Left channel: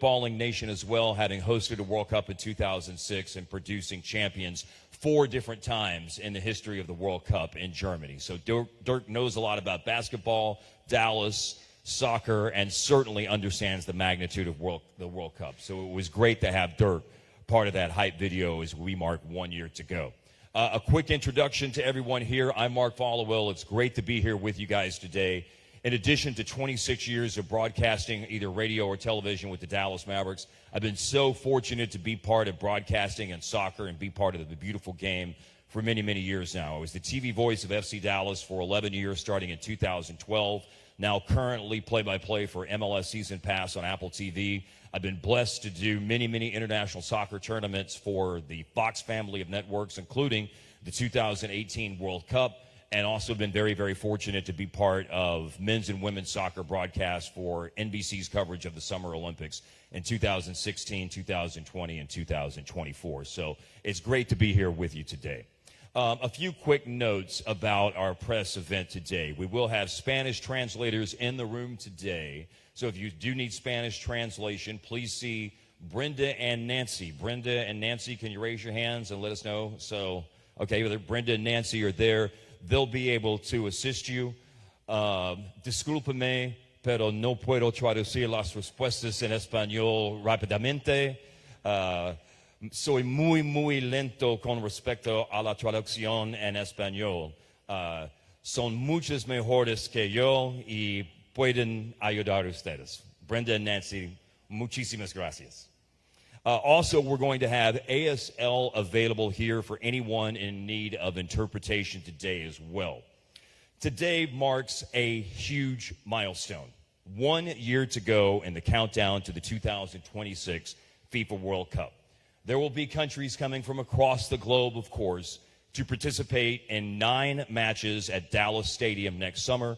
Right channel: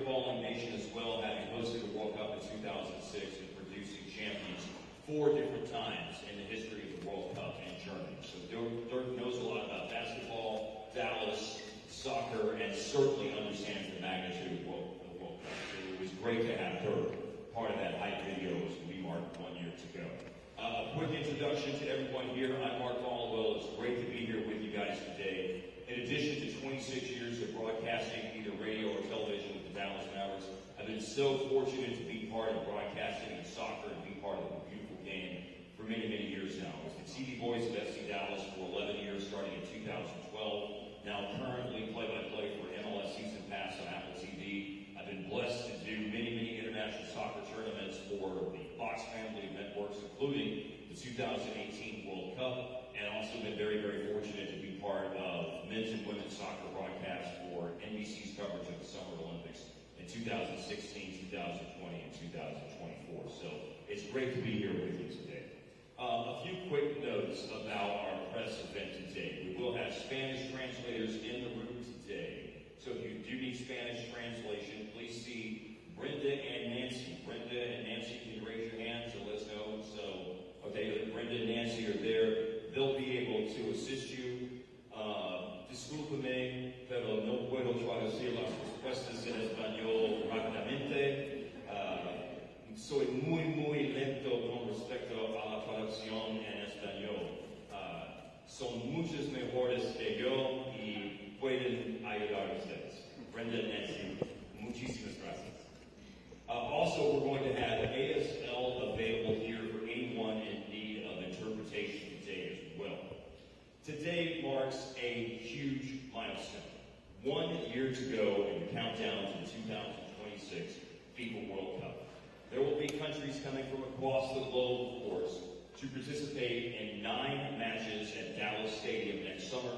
footballing nation as well, having hosted a World Cup in 2006 and producing champions 4 different times in the history of the World Cup in Germany. So Dirk knows a lot about basketball, Dallas, soccer, and certainly understands the magnitude of the World Cup. So it was great to have Dirk part of that hype video as we mark 1 year to go. A quick introduction to everyone here. I'm Mark Followill. It's great to be here with you guys today. In addition to 26 years of broadcasting, either radio or television with the Dallas Mavericks, I've been so fortunate to be part of broadcasting and soccer and be part of the beautiful game for many, many years now. I was the TV voice of FC Dallas for 11 years, starting in 2012. Now currently play-by-play for MLS Season Pass on Apple TV. I've been blessed to do many, many international soccer tournaments for the Fox family of networks, including the 2018 World Cup, and also been very, very fortunate to be part of men's and women's soccer broadcasts for NBC's coverage of the Summer Olympics in 2016, 2020, and 2024. So it's great to be here with you today. A few quick notes about our press event today. We will have Spanish translators in the room today. So if you do need Spanish translation, please see Brenda and Nancy. Brenda and Nancy, can you raise your hands and let us know? So, okay, Brenda and Nancy are there. They'll be able to assist you. Discúlpeme, pero no puedo traducir las respuestas en español rápidamente. Soy muy lento con respecto a la traducción en español. Son muchos mejores que yo y pueden ayudar ustedes. Brenda and Nancy, muchísimas gracias. Also, we're going to have ASL available here for anyone in need of interpretation today as well. Today marks a huge milestone. 1 year to go in the countdown to the 2026 FIFA World Cup. There will be countries coming from across the globe, of course, to participate in 9 matches at Dallas Stadium next summer,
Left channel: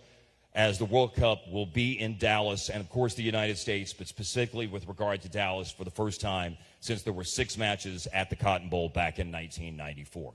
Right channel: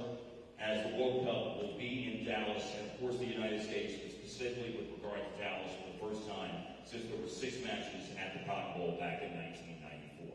as the World Cup will be in Dallas and, of course, the United States, but specifically with regard to Dallas for the first time since there were 6 matches at the Cotton Bowl back in 1994.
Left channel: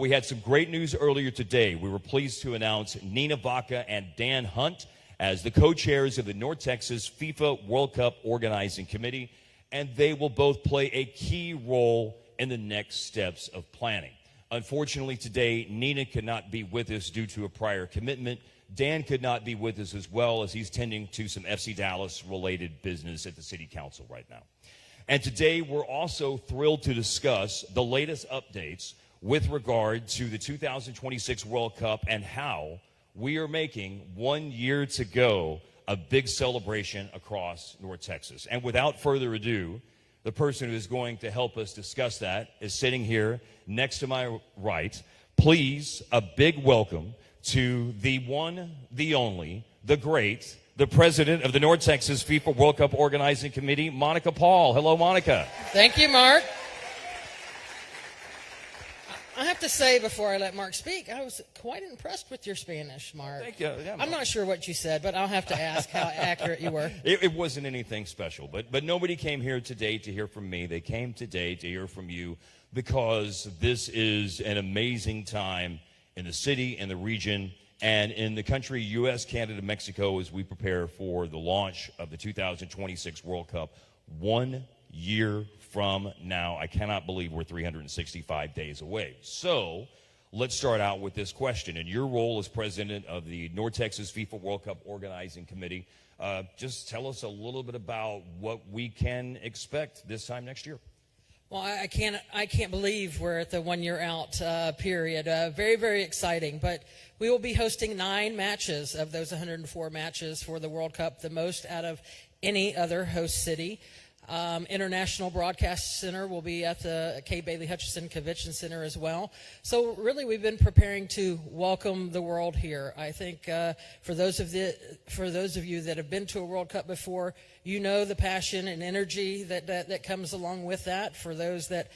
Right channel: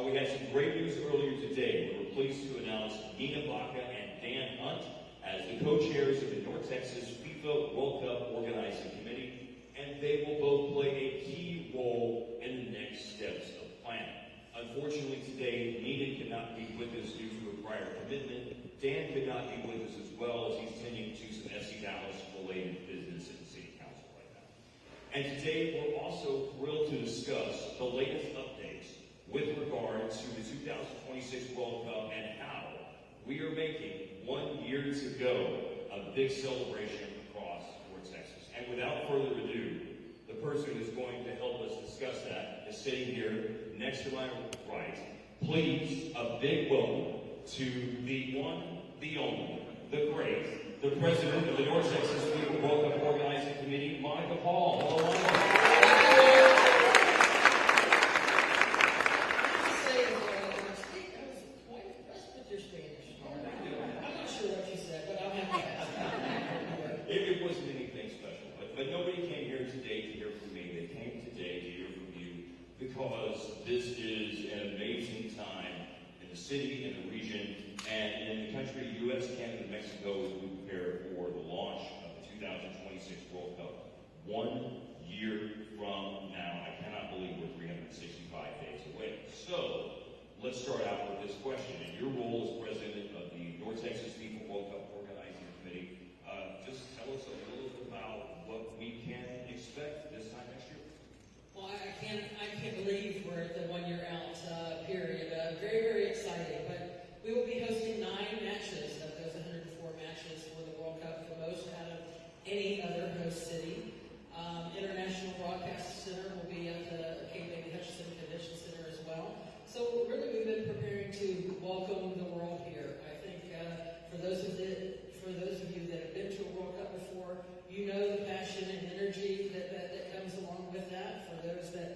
We had some great news earlier today. We were pleased to announce Nenah Baca and Dan Hunt as the co-chairs of the North Texas FIFA World Cup Organizing Committee, and they will both play a key role in the next steps of planning. Unfortunately, today, Nenah could not be with us due to a prior commitment. Dan could not be with us as well, as he's tending to some FC Dallas related business at the City Council right now. And today we're also thrilled to discuss the latest updates with regard to the 2026 World Cup and how we are making 1 year to go a big celebration across North Texas. And without further ado, the person who is going to help us discuss that is sitting here next to my right. Please, a big welcome to the one, the only, the great, the president of the North Texas FIFA World Cup Organizing Committee, Monica Paul. Hello, Monica. Thank you, Mark. I have to say before I let Mark speak, I was quite impressed with your Spanish, Mark. Thank you. Yeah. I'm not sure what you said, but I'll have to ask how accurate you were. It wasn't anything special, but nobody came here today to hear from me. They came today to hear from you because this is an amazing time in the city, in the region, and in the country, U.S., Canada, Mexico, as we prepare for the launch of the 2026 World Cup. 1 year from now, I cannot believe we're 365 days away. So let's start out with this question. In your role as president of the North Texas FIFA World Cup Organizing Committee, just tell us a little bit about what we can expect this time next year. Well, I can't believe we're at the 1 year out period. Very, very exciting. But we will be hosting 9 matches of those 104 matches for the World Cup, the most out of any other host city. International Broadcast Center will be at the Kate Bailey Hutchison Convention Center as well. So really, we've been preparing to welcome the world here. I think for those of you that have been to a World Cup before, you know the passion and energy that comes along with that. For those that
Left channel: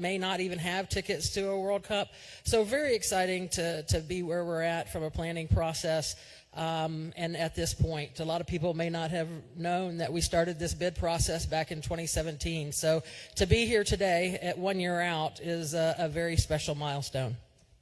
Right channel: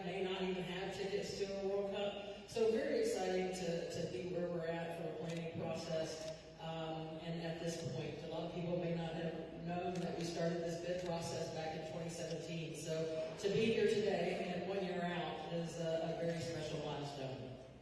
may not even have tickets to a World Cup, so very exciting to be where we're at from a planning process. And at this point, a lot of people may not have known that we started this bid process back in 2017. So to be here today at 1 year out is a very special milestone.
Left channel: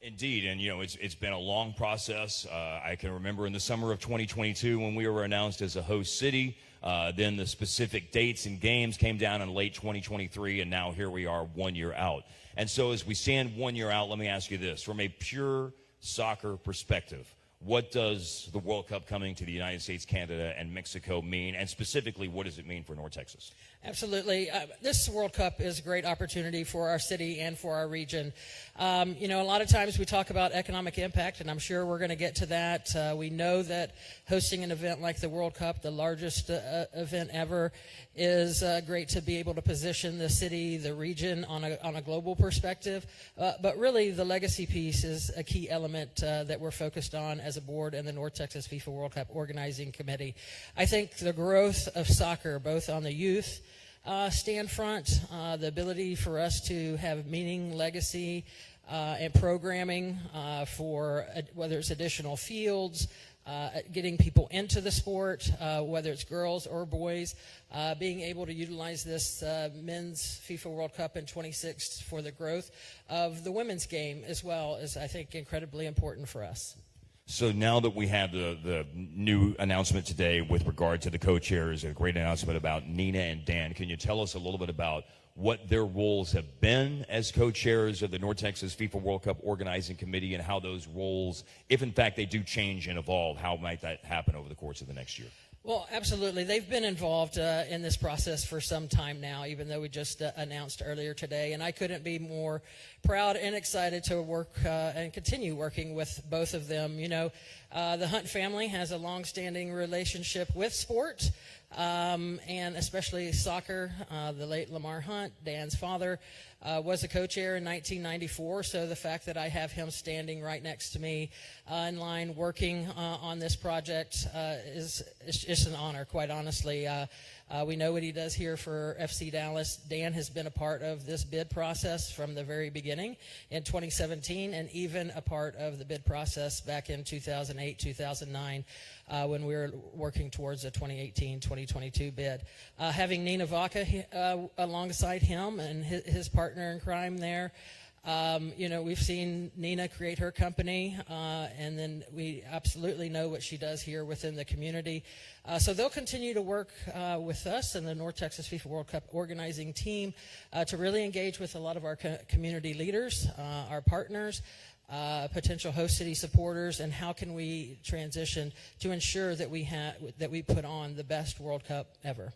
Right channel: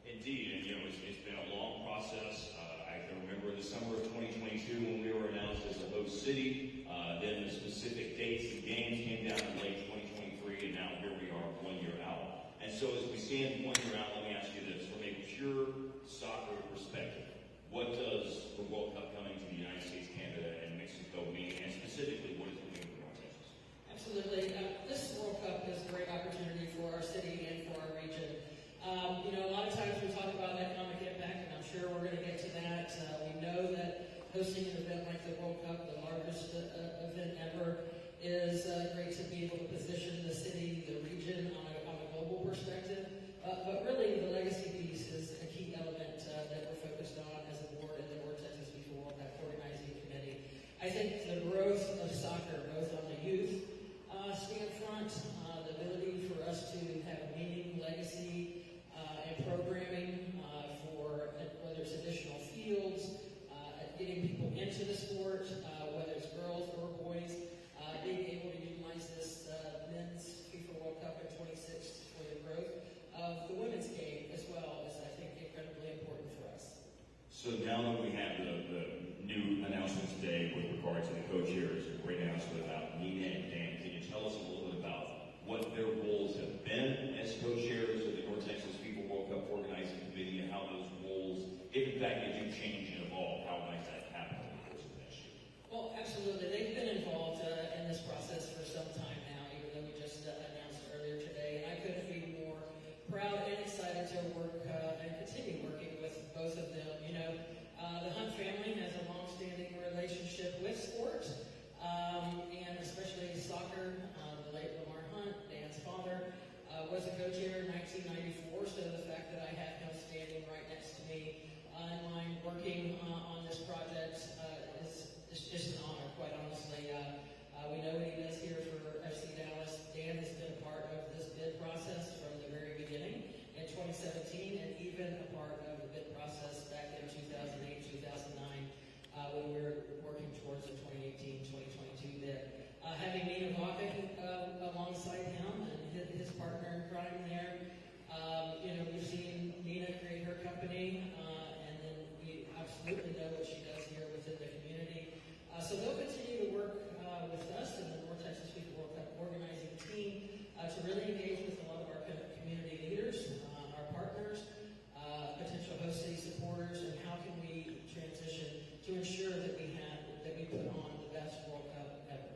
Indeed, and you know, it's been a long process. I can remember in the summer of 2022 when we were announced as a host city, Then the specific dates and games came down in late 2023, and now here we are 1 year out. And so as we stand 1 year out, let me ask you this. From a pure soccer perspective, what does the World Cup coming to the United States, Canada, and Mexico mean? And specifically, what does it mean for North Texas? Absolutely. This World Cup is a great opportunity for our city and for our region. You know, a lot of times we talk about economic impact, and I'm sure we're going to get to that. We know that hosting an event like the World Cup, the largest event ever, is great to be able to position the city, the region on a global perspective. But really, the legacy piece is a key element that we're focused on as a board and the North Texas FIFA World Cup Organizing Committee. I think the growth of soccer, both on the youth stand front, the ability for us to have meaning, legacy, and programming for whether it's additional fields, getting people into the sport, whether it's girls or boys, being able to utilize this men's FIFA World Cup in 26 for the growth of the women's game as well is, I think, incredibly important for us. So now that we have the new announcement today with regard to the co-chairs, a great announcement about Nenah and Dan, can you tell us a little bit about what their roles have been as co-chairs of the North Texas FIFA World Cup Organizing Committee, and how those roles, if in fact they do change and evolve, how might that happen over the course of the next year? Well, absolutely. They've been involved in this process for some time now, even though we just announced earlier today. And I couldn't be more proud and excited to work and continue working with both of them. You know, the Hunt family has a long-standing relationship with sport, and especially soccer. The late Lamar Hunt, Dan's father, was a co-chair in 1994. So the fact that I have him standing right next to me in line working on this project is just an honor, quite honestly. We know what he does here for FC Dallas. Dan has been a part of this bid process from the very beginning in 2017, and even a part of the bid process back in 2008, 2009, when we were working towards a 2018-2022 bid. Having Nenah Vaca alongside him and his partner in crime there, you know, we've seen Nenah create her company, and then we absolutely know what she does here within the community. So they'll continue to work with us and the North Texas FIFA World Cup organizing team to really engage with a lot of our community leaders, our partners, potential host city supporters, and how can we transition to ensure that we put on the best World Cup ever.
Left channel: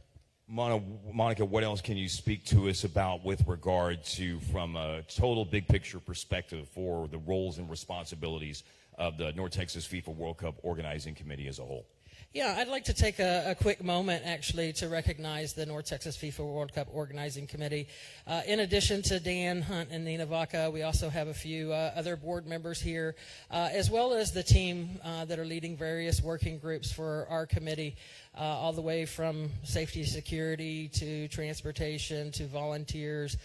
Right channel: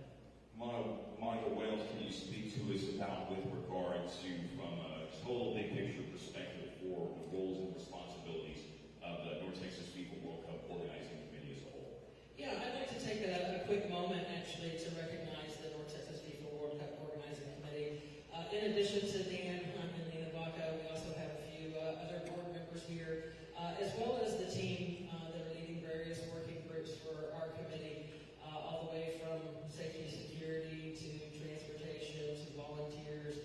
Monica, what else can you speak to us about with regard to, from a total big picture perspective, for the roles and responsibilities of the North Texas FIFA World Cup Organizing Committee as a whole? Yeah, I'd like to take a quick moment actually to recognize the North Texas FIFA World Cup Organizing Committee. In addition to Dan Hunt and Nenah Vaca, we also have a few other board members here, as well as the team that are leading various working groups for our committee, all the way from safety, security, to transportation, to volunteers,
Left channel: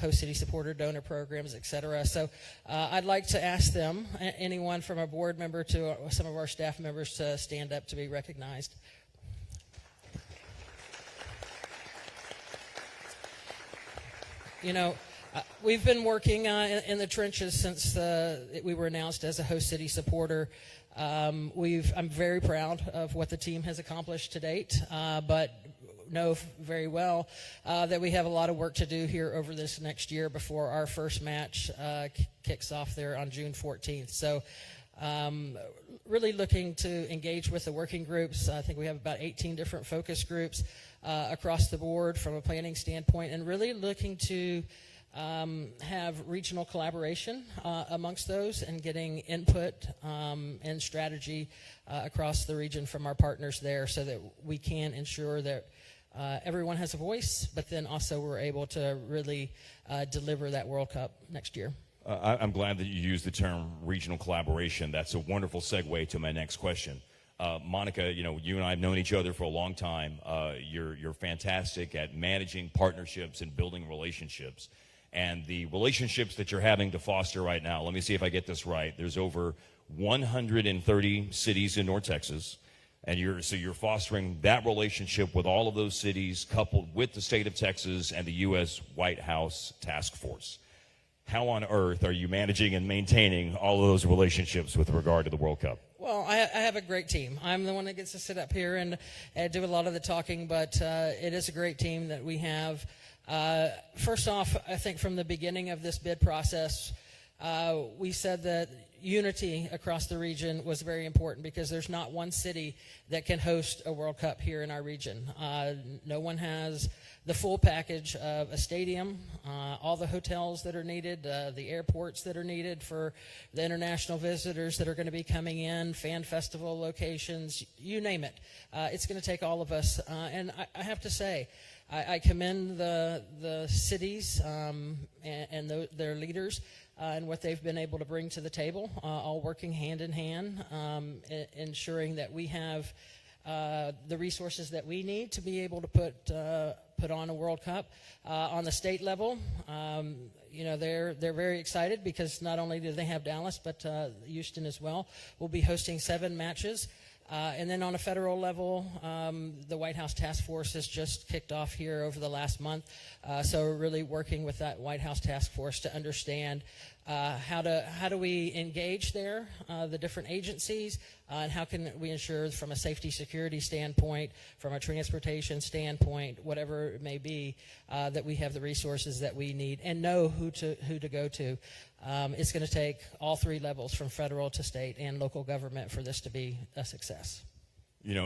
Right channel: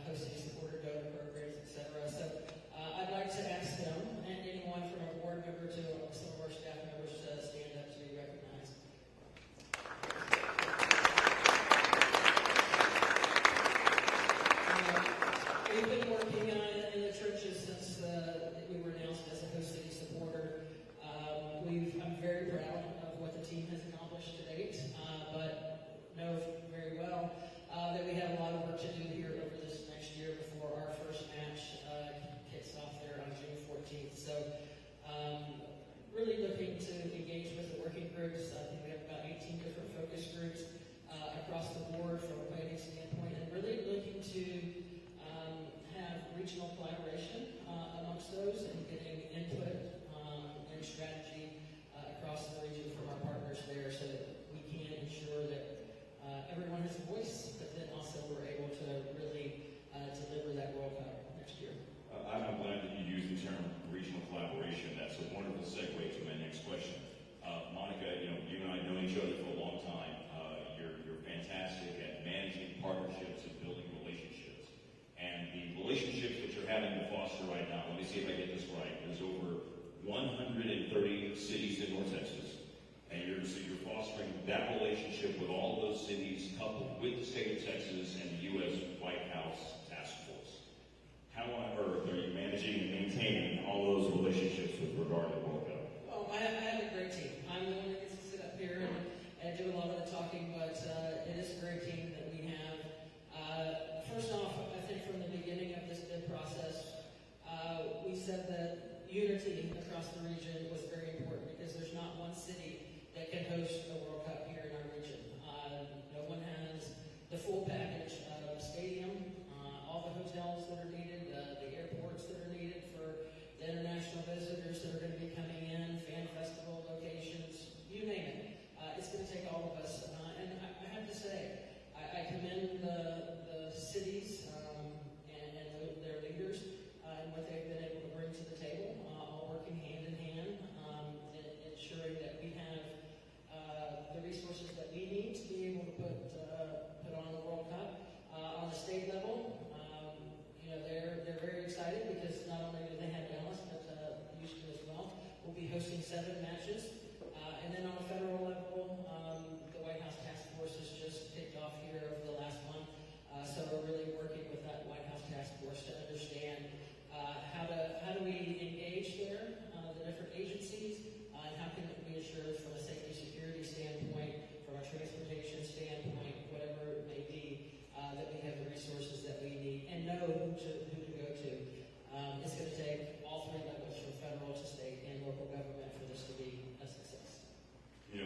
host city supporter donor programs, etc. So I'd like to ask them, anyone from a board member to some of our staff members, to stand up to be recognized. You know, we've been working in the trenches since we were announced as a host city supporter. I'm very proud of what the team has accomplished to date, but know very well that we have a lot of work to do here over this next year before our first match kicks off there on June 14th. So really looking to engage with the working groups. I think we have about 18 different focus groups across the board from a planning standpoint, and really looking to have regional collaboration amongst those, and getting input and strategy across the region from our partners there, so that we can ensure that everyone has a voice, but then also we're able to really deliver that World Cup next year. I'm glad that you used the term regional collaboration. That's a wonderful segue to my next question. Monica, you know, you and I have known each other for a long time. You're fantastic at managing partnerships and building relationships. And the relationships that you're having to foster right now, let me see if I get this right. There's over 130 cities in North Texas. And you're fostering that relationship with all of those cities, coupled with the state of Texas and the U.S. White House Task Force. How on earth are you managing and maintaining all of those relationships with regard to the World Cup? Well, I have a great team. I'm the one that gets to sit up here and do a lot of the talking, but it is a great team that we have. First off, I think from the beginning of this bid process, we said that unity across the region was very important because there's not one city that can host a World Cup here in our region. No one has the full package of a stadium, all the hotels that are needed, the airports that are needed for the international visitors that are going to be coming in, fan festival locations, you name it. It's going to take all of us. And I have to say, I commend the cities and their leaders and what they've been able to bring to the table, all working hand in hand, ensuring that we have the resources that we need to be able to put on a World Cup. On the state level, they're very excited because not only do they have Dallas, but Houston as well. We'll be hosting 7 matches. And then on a federal level, the White House Task Force has just kicked off here over the last month. So we're really working with that White House Task Force to understand how do we engage there, the different agencies, and how can we ensure from a safety security standpoint, from a transportation standpoint, whatever it may be, that we have the resources that we need and know who to go to. It's going to take all 3 levels, from federal to state and local government, for this to be a success.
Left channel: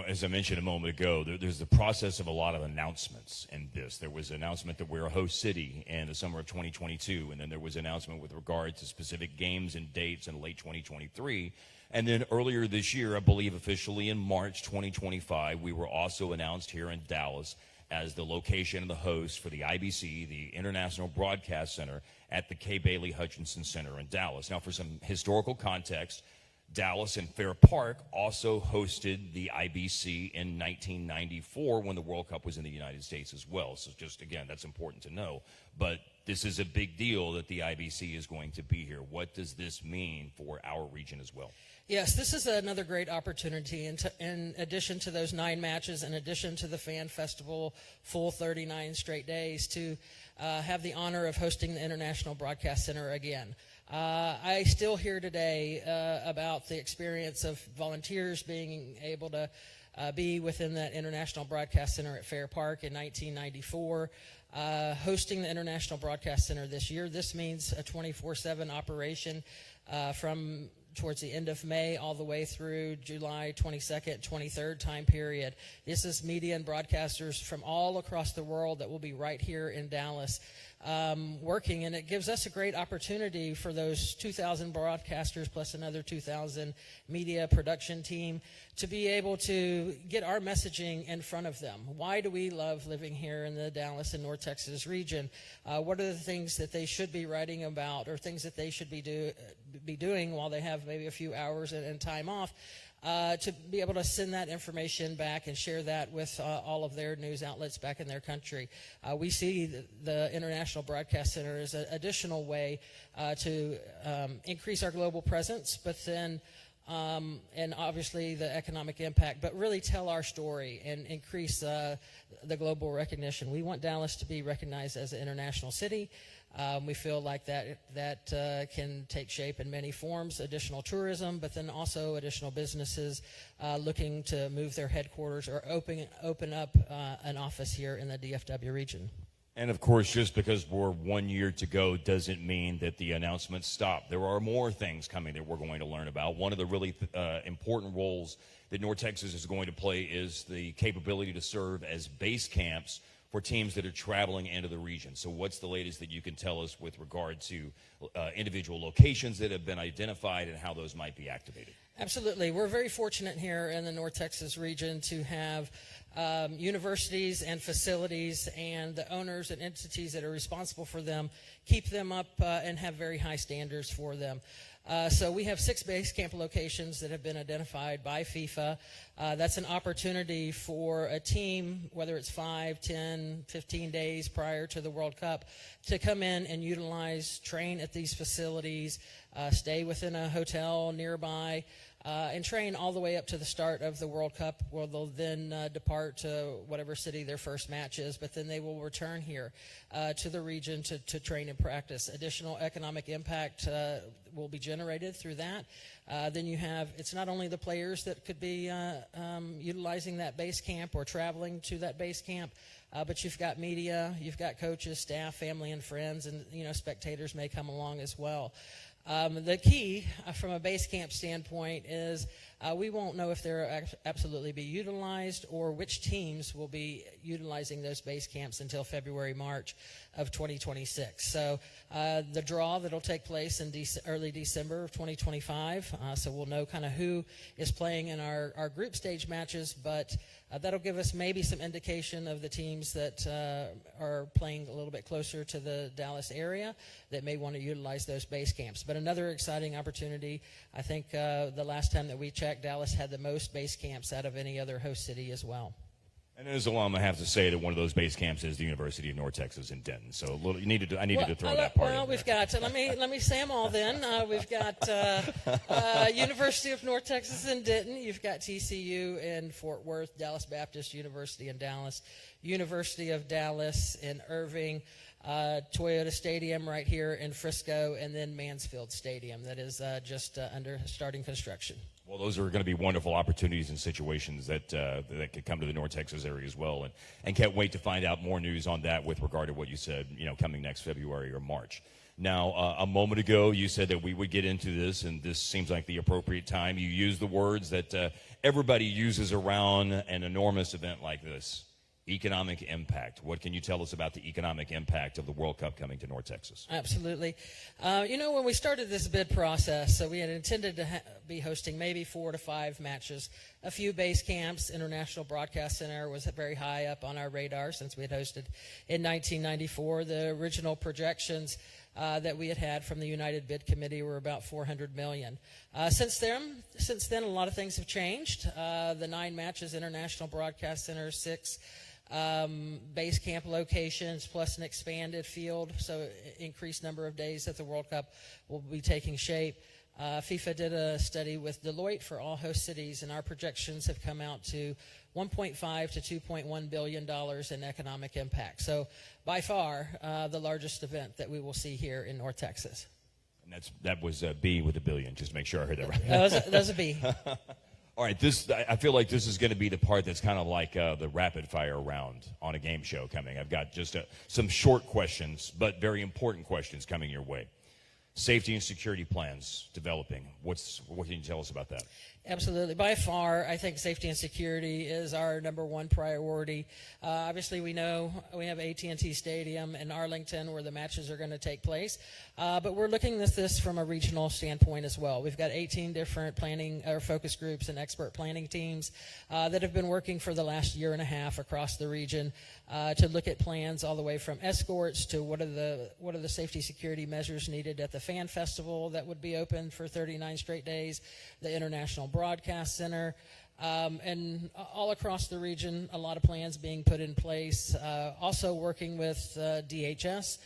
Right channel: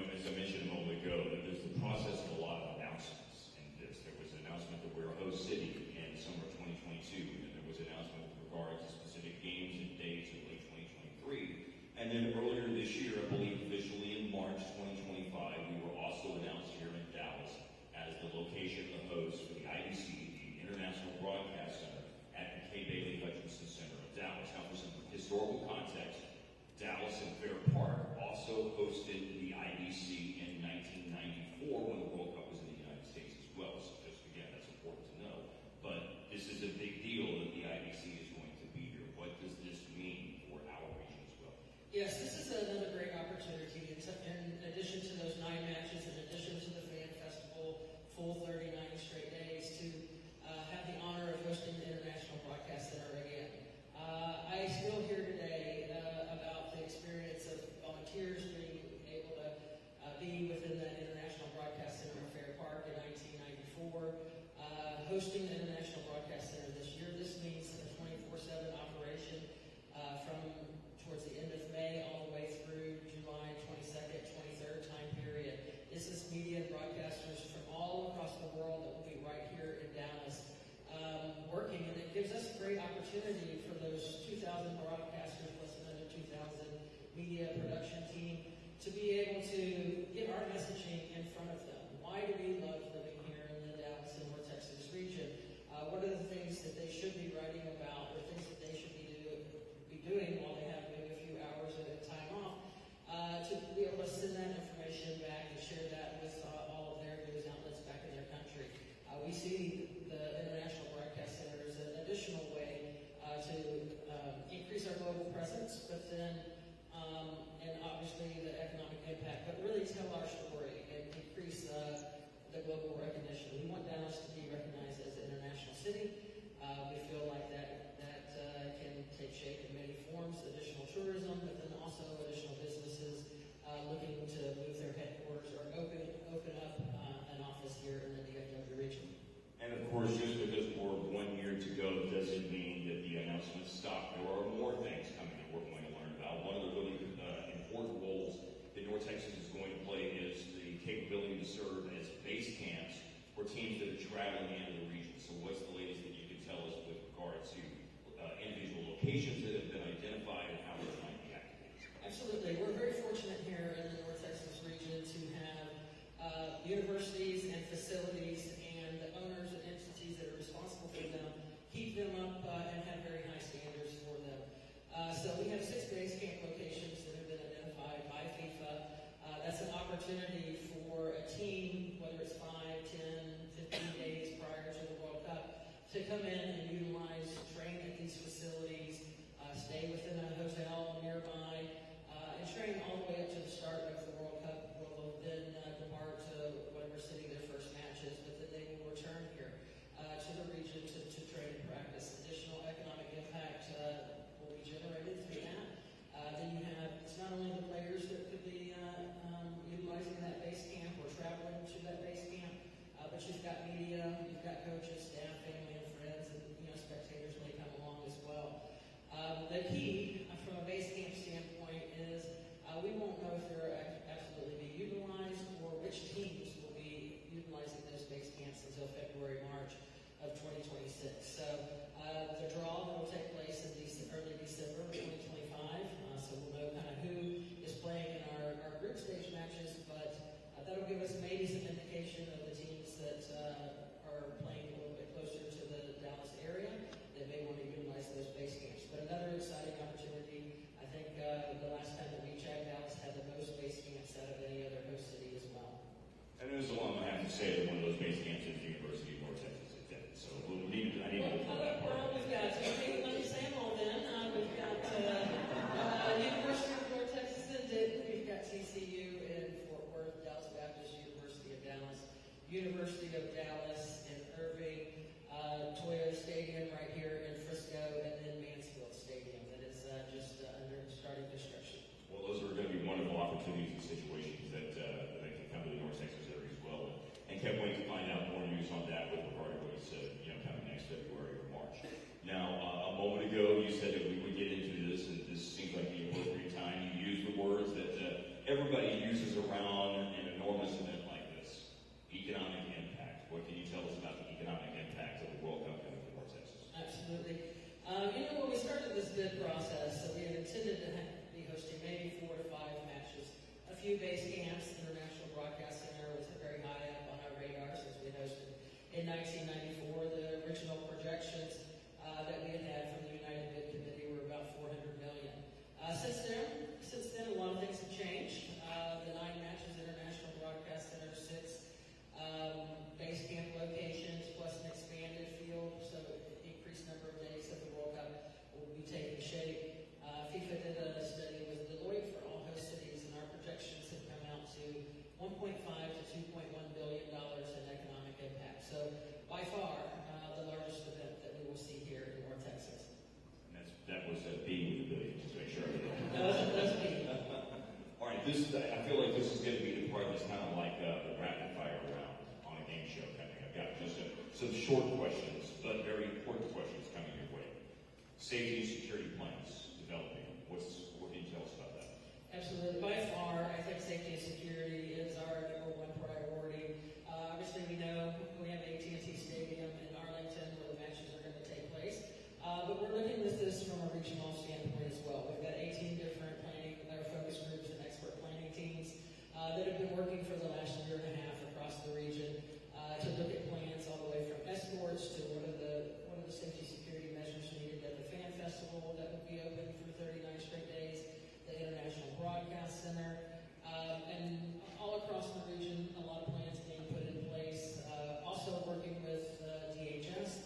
As I mentioned a moment ago, there's the process of a lot of announcements in this. There was an announcement that we're a host city in the summer of 2022, and then there was an announcement with regard to specific games and dates in late 2023. And then earlier this year, I believe officially in March 2025, we were also announced here in Dallas as the location and the host for the IBC, the International Broadcast Center, at the Kay Bailey Hutchinson Center in Dallas. Now, for some historical context, Dallas and Fair Park also hosted the IBC in 1994 when the World Cup was in the United States as well. So just, again, that's important to know. But this is a big deal that the IBC is going to be here. What does this mean for our region as well? Yes, this is another great opportunity. In addition to those 9 matches, in addition to the fan festival, full 39 straight days, to have the honor of hosting the International Broadcast Center again. I still hear today about the experience of volunteers being able to be within that International Broadcast Center at Fair Park in 1994. Hosting the International Broadcast Center this year, this means a 24/7 operation from towards the end of May all the way through July 22nd, 23rd time period. This is media and broadcasters from all across the world that will be right here in Dallas working, and it gives us a great opportunity for those 2,000 broadcasters plus another 2,000 media production team to be able to get our messaging in front of them. Why do we love living here in the Dallas and North Texas region? What are the things that they should be writing about, or things that they should be doing while they have maybe a few hours and time off, to be able to send that information back and share that with all of their news outlets back in their country. We see the International Broadcast Center as an additional way to increase our global presence, but then, and obviously the economic impact, but really tell our story and increase the global recognition. We want Dallas to be recognized as an international city. We feel like that can take shape in many forms, additional tourism, but then also additional businesses looking to move their headquarters or open up an office here in the DFW region. And of course, just because we're 1 year to go doesn't mean that the announcements stop. There are more things coming that we're going to learn about. One of the really important roles that North Texas is going to play is the capability to serve as base camps for teams that are traveling into the region. So what's the latest that you can tell us with regard to individual locations that have been identified and how those might be activated? Absolutely. We're very fortunate here in the North Texas region to have universities and facilities and the owners and entities that are responsible for them, keep them up and have very high standards for them. So we have 6 base camp locations that have been identified by FIFA. That's an opportunity for a team, whether it's 5, 10, 15 days prior to the World Cup, to come in and utilize, train at these facilities, stay within a hotel nearby, and train all the way up to the start of the World Cup, where they'll then depart to whatever city their first match is, but then they will return here to the region to train and practice. Additional economic impact will be generated through that. Then you have, it's not only the players that could be utilizing that base camp or traveling to that base camp, but you've got media, you've got coaches, staff, family, and friends, and spectators may come along as well. The key from a base camp standpoint is we won't know if they'll absolutely be utilized or which teams will be utilizing those base camps until February, March of 2026. So the draw that'll take place in early December of 2025, so we'll know kind of who is playing in our group stage matches, but that'll give us maybe some indication of the teams that are playing a little bit closer to the Dallas area that may want to utilize those base camps. But another exciting opportunity, I think the last time that we checked, Dallas had the most base camps out of any other host city as well. And as alum, I have to say that one of those base camps is the University of North Texas in Denton. So I needed to throw that part in. Well, we've got, let me say them all then. We've got University of North Texas in Denton. You've got TCU in Fort Worth, Dallas Baptist University in Dallas, University of Dallas in Irving, Toyota Stadium right here in Frisco, and then Mansfield Stadium that is just under starting construction. Well, those are going to be wonderful opportunities and situations that could come to the North Texas area as well, and can't wait to find out more news on that with regard to what you said, coming next February or March. Now, a moment ago, you said that we would get into this, and this seems like the appropriate time. You used the words that everybody uses around an enormous event like this. Economic impact. What can you tell us about the economic impact of the World Cup coming to North Texas? Absolutely. When we started this bid process, so we had intended to be hosting maybe 4 to 5 matches, a few base camps. International Broadcast Center was very high up on our radar since we had hosted in 1994. The original projections that we had from the United Bid Committee were about $400 million. Since then, a lot of things have changed. The 9 matches, International Broadcast Center, 6 base camp locations, plus an expanded field, so increased number of days that the World Cup will be taking shape. FIFA did a study with Deloitte for all host cities, and our projections have come out to $1.5 to $2.1 billion in economic impact. So by far the largest event that we will see here in North Texas. And that was a B with a billion, just to make sure I heard that right. That was a B. All right, I feel like this is going to be the part that's kind of like the rapid fire round on a game show coming. I've got just some short questions, but very important questions coming your way. Safety and security plans developing. What can you tell us about that? Absolutely. By far, I think safety and security is our #1 priority. Obviously, we know we have AT&T Stadium in Arlington where the matches are going to take place, but we're looking at this from a regional standpoint as well. We've got 18 different planning or focus groups and expert planning teams that have been working for the last year and a half across the region to look at plans all the way from escorts to what are the safety security measures needed at the fan festival that would be open for 39 straight days, the International Broadcast Center, and all across the region, a lot of plans being put in place. Also working with DHS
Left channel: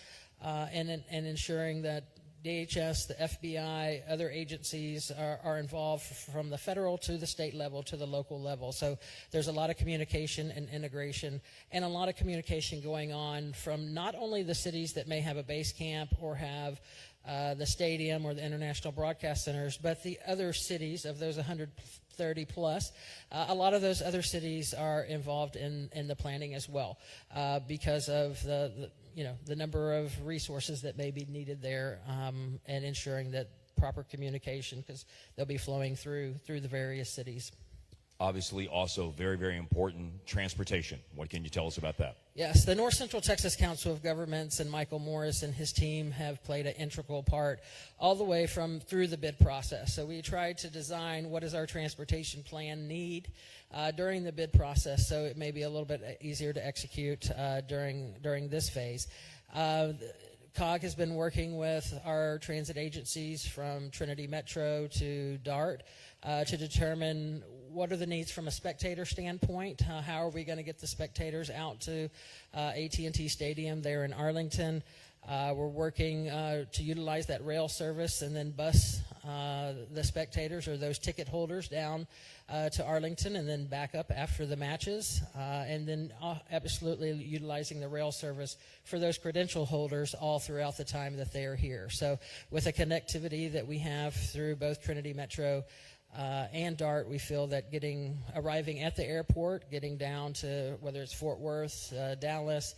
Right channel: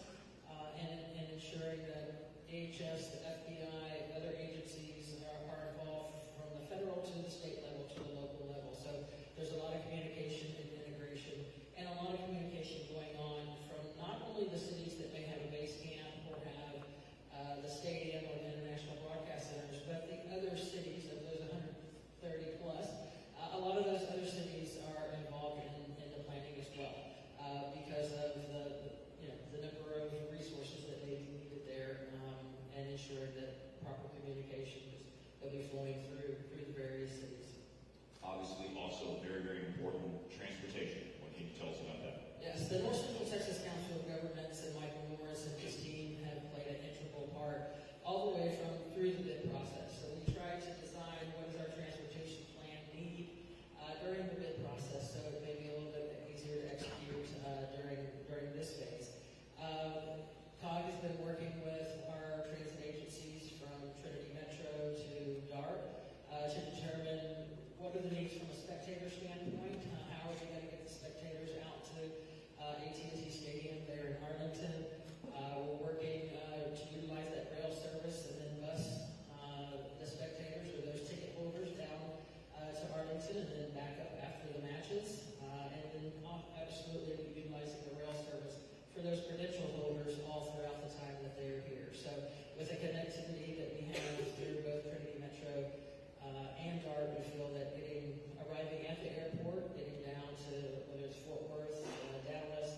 and ensuring that DHS, the FBI, other agencies are involved from the federal to the state level to the local level. So there's a lot of communication and integration and a lot of communication going on from not only the cities that may have a base camp or have the stadium or the international broadcast centers, but the other cities of those 130 plus. A lot of those other cities are involved in the planning as well because of the number of resources that may be needed there and ensuring that proper communication, because they'll be flowing through the various cities. Obviously, also very, very important, transportation. What can you tell us about that? Yes, the North Central Texas Council of Governments and Michael Morris and his team have played an integral part all the way through the bid process. So we tried to design what does our transportation plan need during the bid process, so it may be a little bit easier to execute during this phase. COG has been working with our transit agencies from Trinity Metro to DART to determine what are the needs from a spectator standpoint. How are we going to get the spectators out to AT&T Stadium there in Arlington? We're working to utilize that rail service and then bus the spectators or those ticket holders down to Arlington and then back up after the matches, and then absolutely utilizing the rail service for those credential holders all throughout the time that they are here. So with the connectivity that we have through both Trinity Metro and DART, we feel that arriving at the airport, getting down to whether it's Fort Worth, Dallas,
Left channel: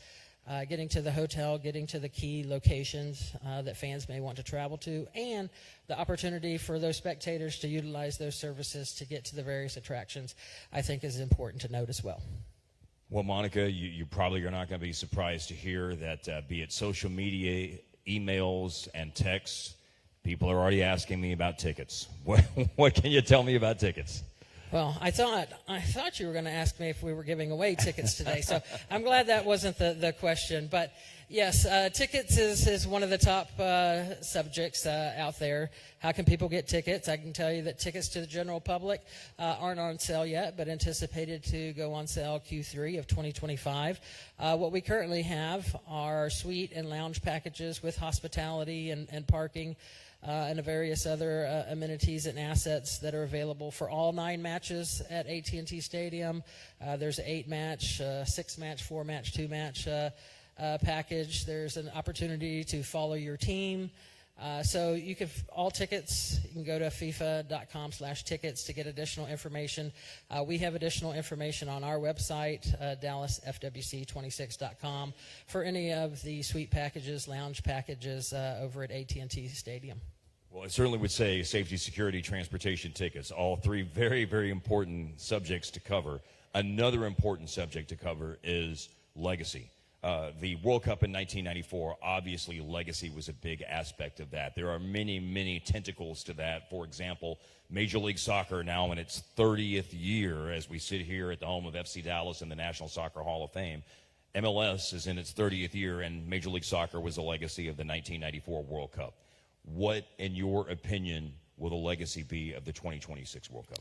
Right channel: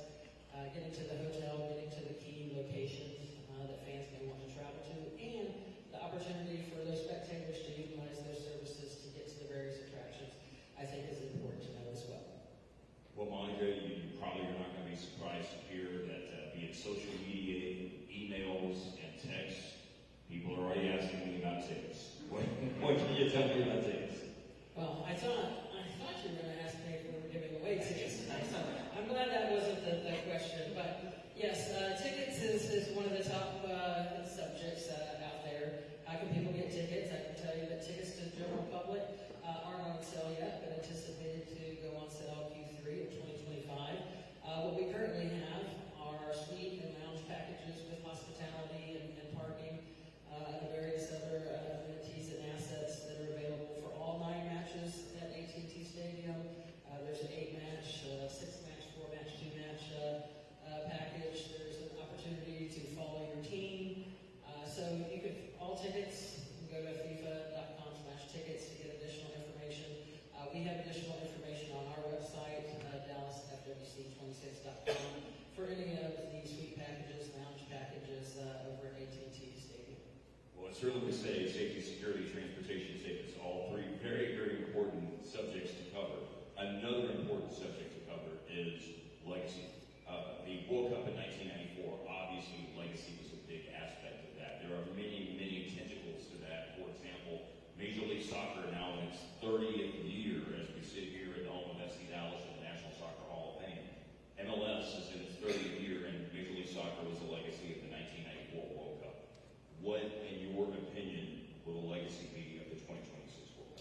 getting to the hotel, getting to the key locations that fans may want to travel to, and the opportunity for those spectators to utilize those services to get to the various attractions, I think is important to note as well. Well, Monica, you probably are not going to be surprised to hear that be it social media, emails, and texts, people are already asking me about tickets. What can you tell me about tickets? Well, I thought you were going to ask me if we were giving away tickets today, so I'm glad that wasn't the question. But yes, tickets is one of the top subjects out there. How can people get tickets? I can tell you that tickets to the general public aren't on sale yet, but anticipated to go on sale Q3 of 2025. What we currently have are suite and lounge packages with hospitality and parking, and various other amenities and assets that are available for all 9 matches at AT&T Stadium. There's an 8-match, 6-match, 4-match, 2-match package. There's an opportunity to follow your team. So you can, all tickets, you can go to fifa.com/tickets to get additional information. We have additional information on our website, dallasfwc26.com, for any of the suite packages, lounge packages over at AT&T Stadium. Well, I certainly would say safety, security, transportation, tickets, all 3 very, very important subjects to cover. Another important subject to cover is legacy. The World Cup in 1994, obviously legacy was a big aspect of that. There are many, many tentacles to that. For example, Major League Soccer now in its 30th year as we sit here at the home of FC Dallas in the National Soccer Hall of Fame. MLS is in its 30th year, and Major League Soccer was a legacy of the 1994 World Cup. What, in your opinion, will the legacy be of the 2026 World Cup?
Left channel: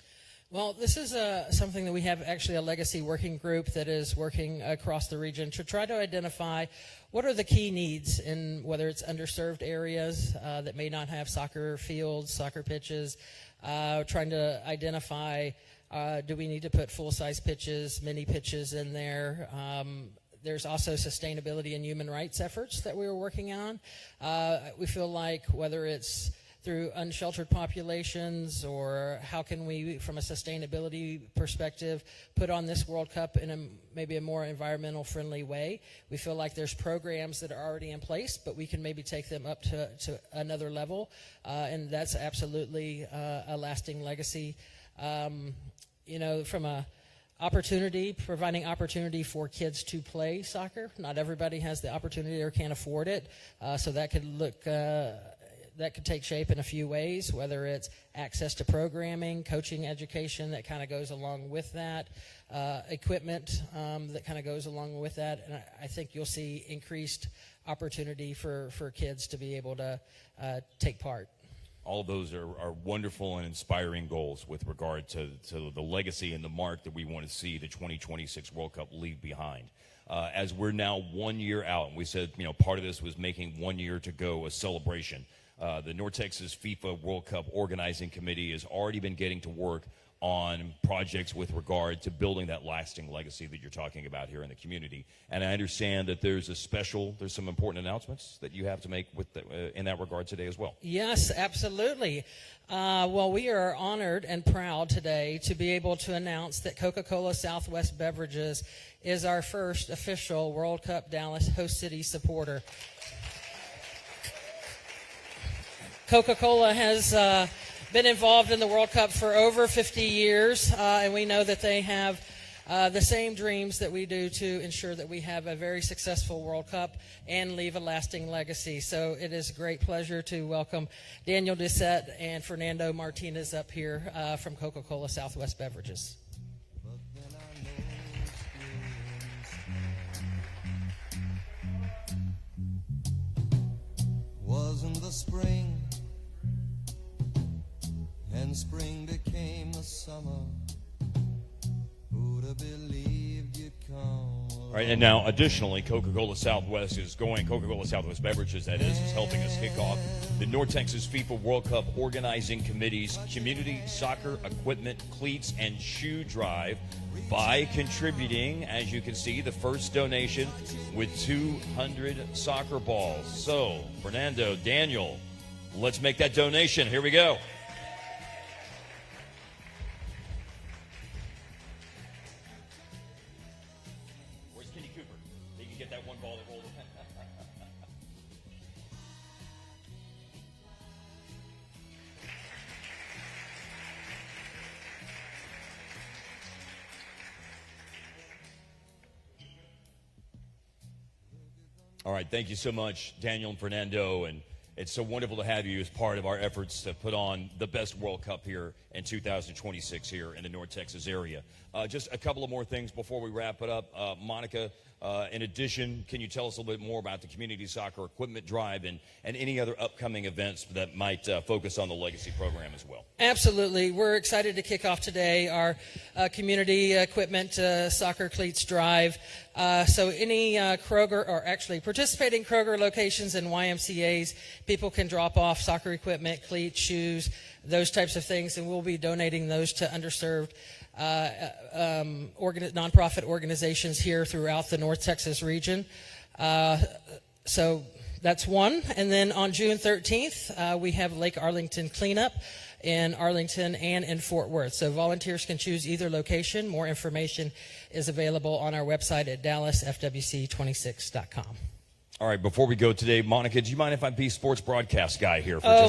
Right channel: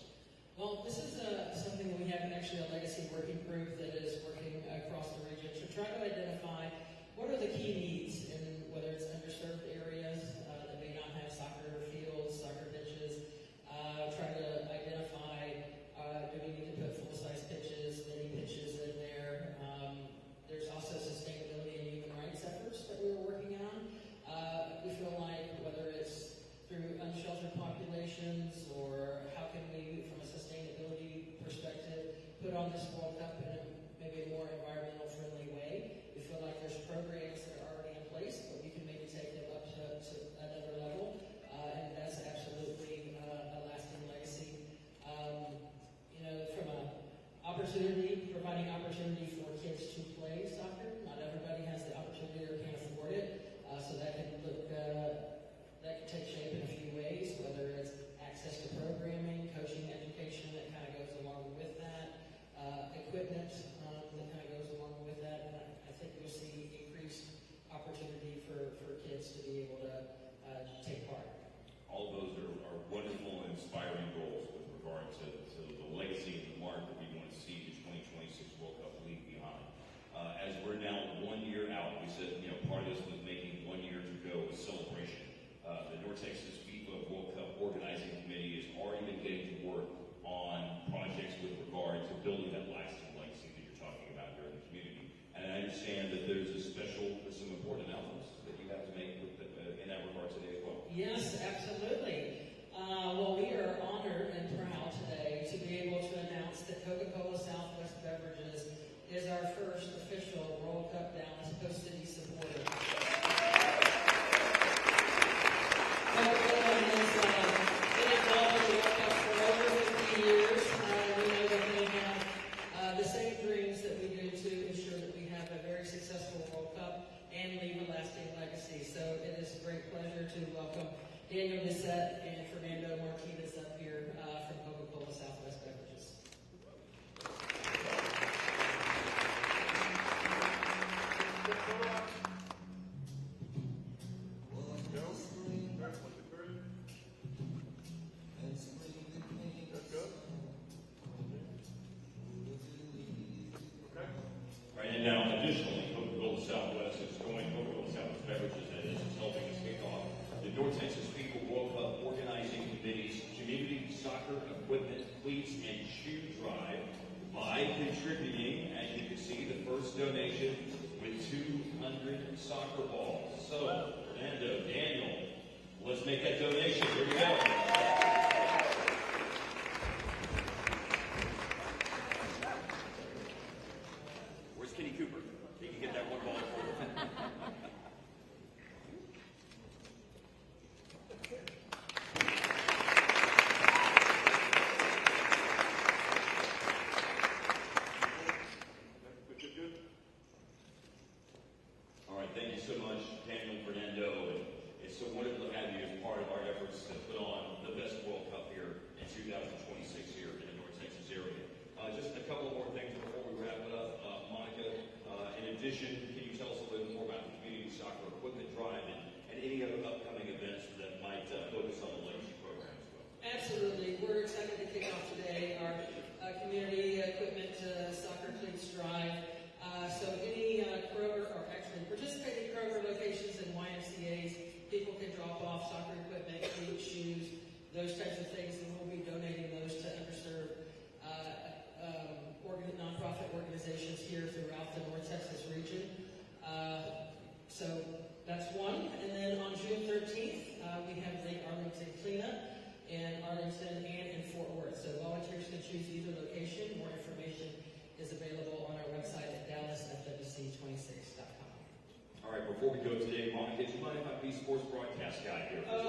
Well, this is something that we have actually a legacy working group that is working across the region to try to identify what are the key needs in whether it's underserved areas that may not have soccer fields, soccer pitches, trying to identify do we need to put full-size pitches, mini pitches in there. There's also sustainability and human rights efforts that we're working on. We feel like whether it's through unsheltered populations or how can we, from a sustainability perspective, put on this World Cup in maybe a more environmental friendly way. We feel like there's programs that are already in place, but we can maybe take them up to another level, and that's absolutely a lasting legacy. From a providing opportunity for kids to play soccer. Not everybody has the opportunity or can't afford it, so that could take shape in a few ways, whether it's access to programming, coaching education that kind of goes along with that, equipment that kind of goes along with that, and I think you'll see increased opportunity for kids to be able to take part. All of those are wonderful and inspiring goals with regard to the legacy and the mark that we want to see the 2026 World Cup leave behind. As we're now 1 year out, we said, part of this was making 1 year to go, a celebration. The North Texas FIFA World Cup Organizing Committee has already been getting to work on projects with regard to building that lasting legacy that you're talking about here in the community. And I understand that there's some important announcements that you have to make in that regard today as well. Yes, absolutely. Well, we are honored and proud today to be able to announce that CocaCola Southwest Beverages is our first official World Cup Dallas host city supporter. Coca-Cola has been involved in the World Cup for over 50 years, and we know that they have the same dreams that we do to ensure that we have a very successful World Cup and leave a lasting legacy. So it is a great pleasure to welcome Daniel Doucette and Fernando Martinez up here from Coca-Cola Southwest Beverages. Wasn't the spring, and spring became the summer. Who'd have believed you'd come? Right, and now additionally, Coca-Cola Southwest Beverages, that is helping us kick off the North Texas FIFA World Cup Organizing Committee's Community Soccer Equipment, Cleats, and Shoe Drive by contributing, as you can see, the first donation with 200 soccer balls. So, Fernando, Daniel, let's make that donation. Here we go. All right, thank you so much, Daniel and Fernando, and it's so wonderful to have you as part of our efforts to put on the best World Cup here in 2026 here in the North Texas area. Just a couple of more things before we wrap it up. Monica, in addition, can you tell us a little bit more about the Community Soccer Equipment Drive and any other upcoming events that might focus on the Legacy program as well? Absolutely. We're excited to kick off today our Community Equipment Soccer Cleats Drive. So any Kroger, or actually participating Kroger locations and YMCAs, people can drop off soccer equipment, cleats, shoes, those types of things, and we'll be donating those to underserved nonprofit organizations here throughout the North Texas region. So that's one. And then on June 13th, we have Lake Arlington Cleanup in Arlington and in Fort Worth. So volunteers can choose either location. More information is available on our website at dallasfwc26.com. All right, before we go today, Monica, do you mind if I be sports broadcast guy here for a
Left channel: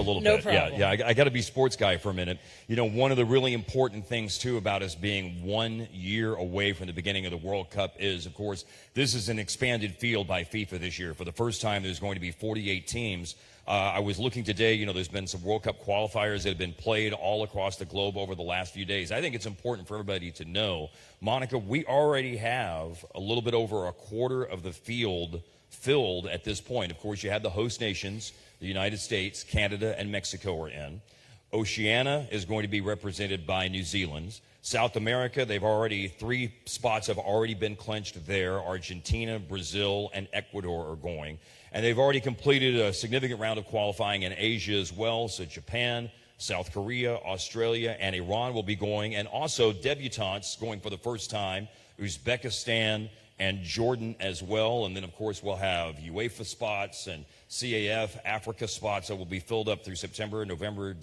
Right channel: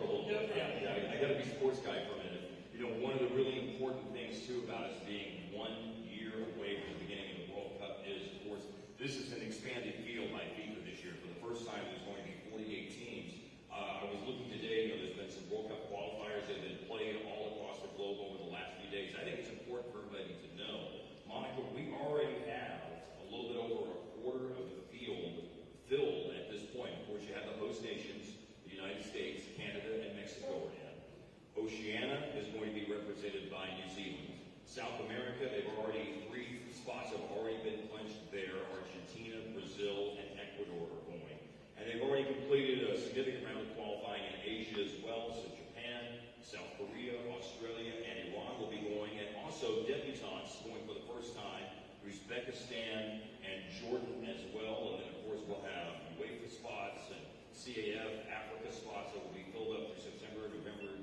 little no bit? problem. Yeah, I got to be sports guy for a minute. You know, one of the really important things, too, about us being 1 year away from the beginning of the World Cup is, of course, this is an expanded field by FIFA this year. For the first time, there's going to be 48 teams. I was looking today, you know, there's been some World Cup qualifiers that have been played all across the globe over the last few days. I think it's important for everybody to know, Monica, we already have a little bit over a quarter of the field filled at this point. Of course, you have the host nations, the United States, Canada, and Mexico are in. Oceania is going to be represented by New Zealand. South America, three spots have already been clinched there. Argentina, Brazil, and Ecuador are going. And they've already completed a significant round of qualifying in Asia as well. So Japan, South Korea, Australia, and Iran will be going. And also debutantes going for the first time, Uzbekistan and Jordan as well. And then, of course, we'll have UEFA spots and CAF, Africa spots that will be filled up through September, October,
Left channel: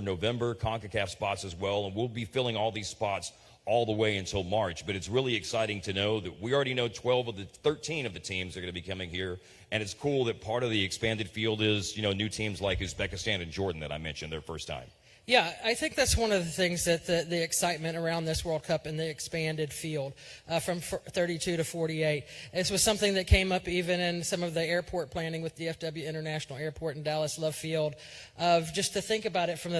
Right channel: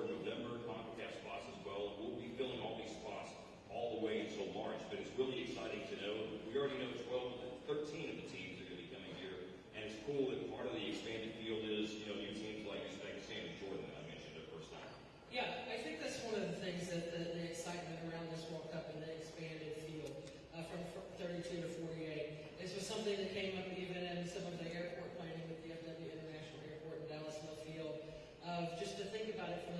November, CONCACAF spots as well. And we'll be filling all these spots all the way until March. But it's really exciting to know that we already know 13 of the teams are going to be coming here. And it's cool that part of the expanded field is, you know, new teams like Uzbekistan and Jordan that I mentioned their first time. Yeah, I think that's one of the things that the excitement around this World Cup and the expanded field from 32 to 48. This was something that came up even in some of the airport planning with DFW International Airport in Dallas Love Field, of just to think about it from the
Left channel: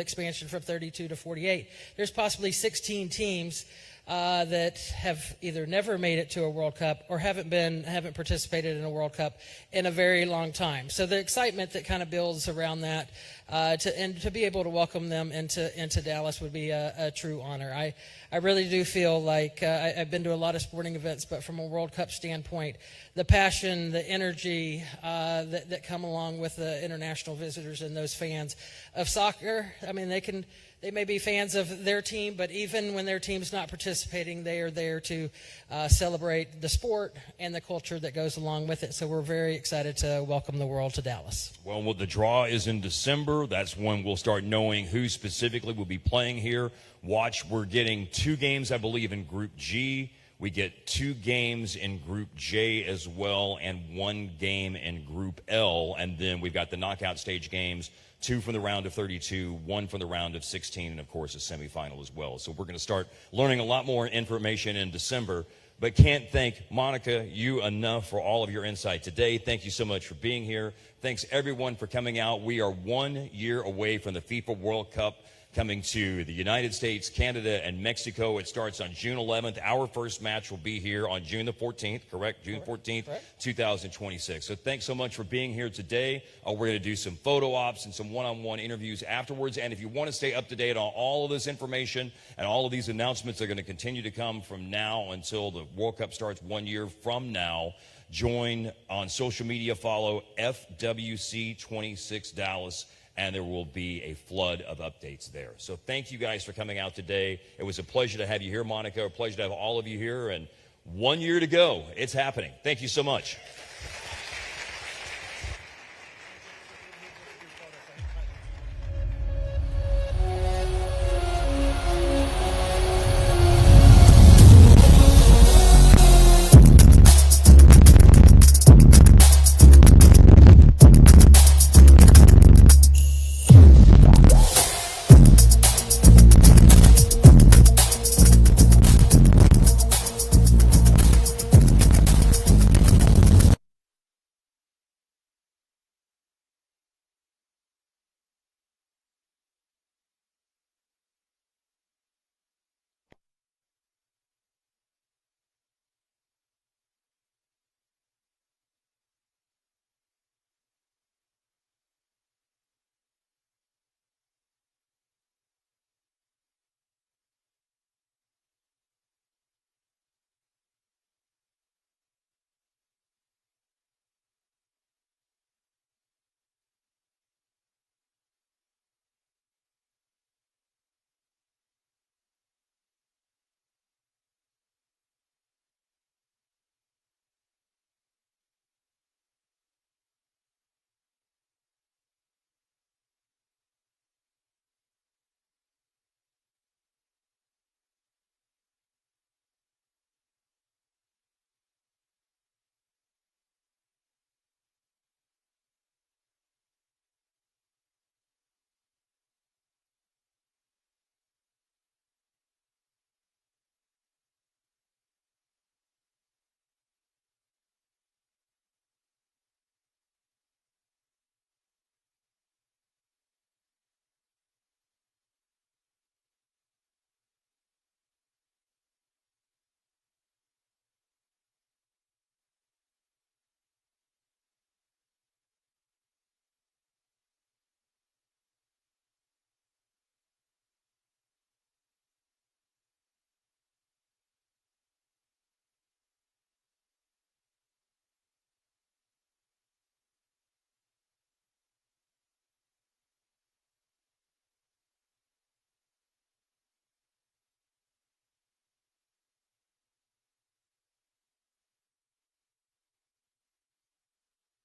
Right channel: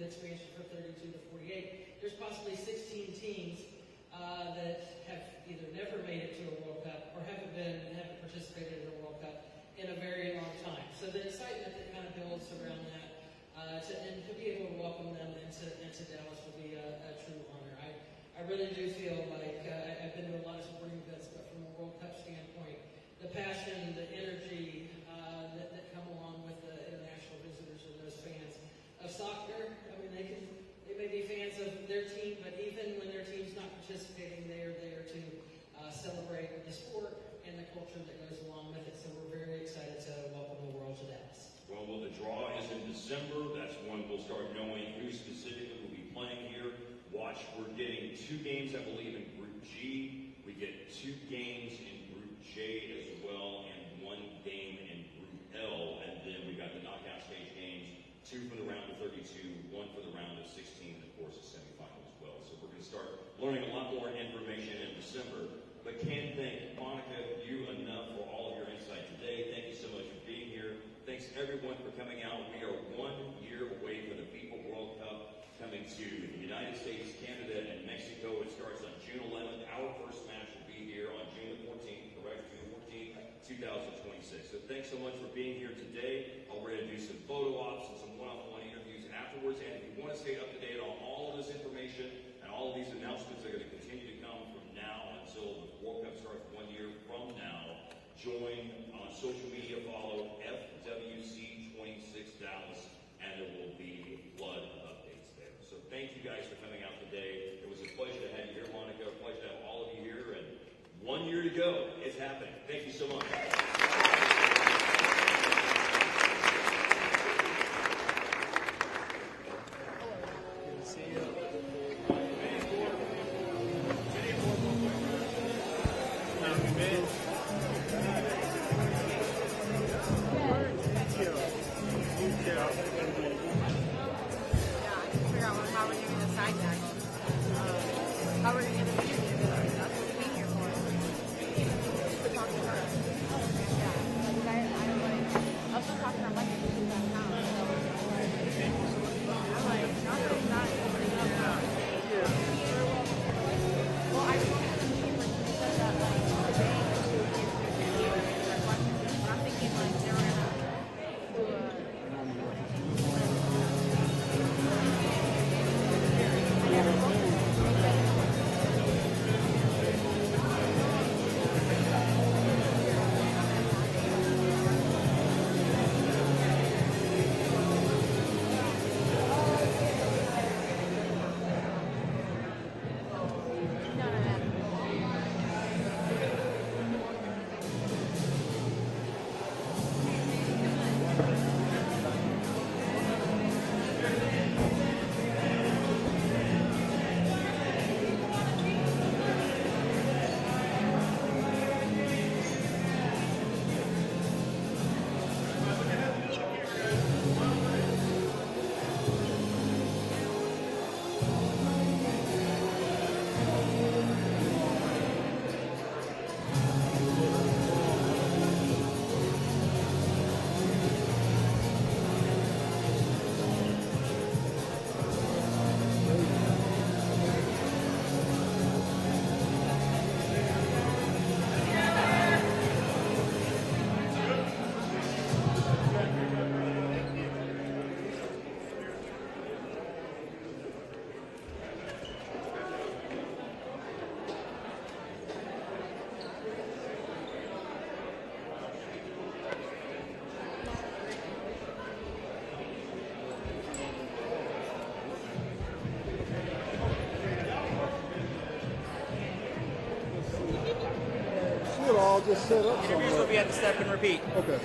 expansion from 32 to 48. There's possibly 16 teams that have either never made it to a World Cup or haven't participated in a World Cup in a very long time. So the excitement that kind of builds around that, to be able to welcome them into Dallas would be a true honor. I really do feel like I've been to a lot of sporting events, but from a World Cup standpoint, the passion, the energy that come along with the international visitors and those fans of soccer, I mean, they may be fans of their team, but even when their team's not participating, they are there to celebrate the sport and the culture that goes along with it. So we're very excited to welcome the world to Dallas. Well, the draw is in December. That's when we'll start knowing who specifically will be playing here. We're getting 2 games, I believe, in Group G. We get 2 games in Group J as well, and 1 game in Group L. And then we've got the knockout stage games, 2 from the round of 32, 1 from the round of 16, and of course a semifinal as well. So we're going to start learning a lot more information in December, but can't thank Monica, you enough for all of your insight today. Thank you so much for being here. Thanks everyone for coming out. We are 1 year away from the FIFA World Cup. coming to the United States, Canada, and Mexico. It starts on June 11th. Our first match will be here on June the 14th, correct? June 14th, 2026. So thanks so much for being here today. We're going to do some photo ops and some one-on-one interviews afterwards. And if you want to stay up to date on all of this information and all of these announcements are going to continue to come from now until the World Cup starts 1 year from now, join on social media, follow FWC26 Dallas, and there will be a flood of updates there. So thank you guys for coming out today. It was a pleasure to have you here, Monica. A pleasure to have all of you here. And 1 year to go. It's happening. Thank you so much. I'll just set up somewhere. Interviews will be at the step and repeat. Okay.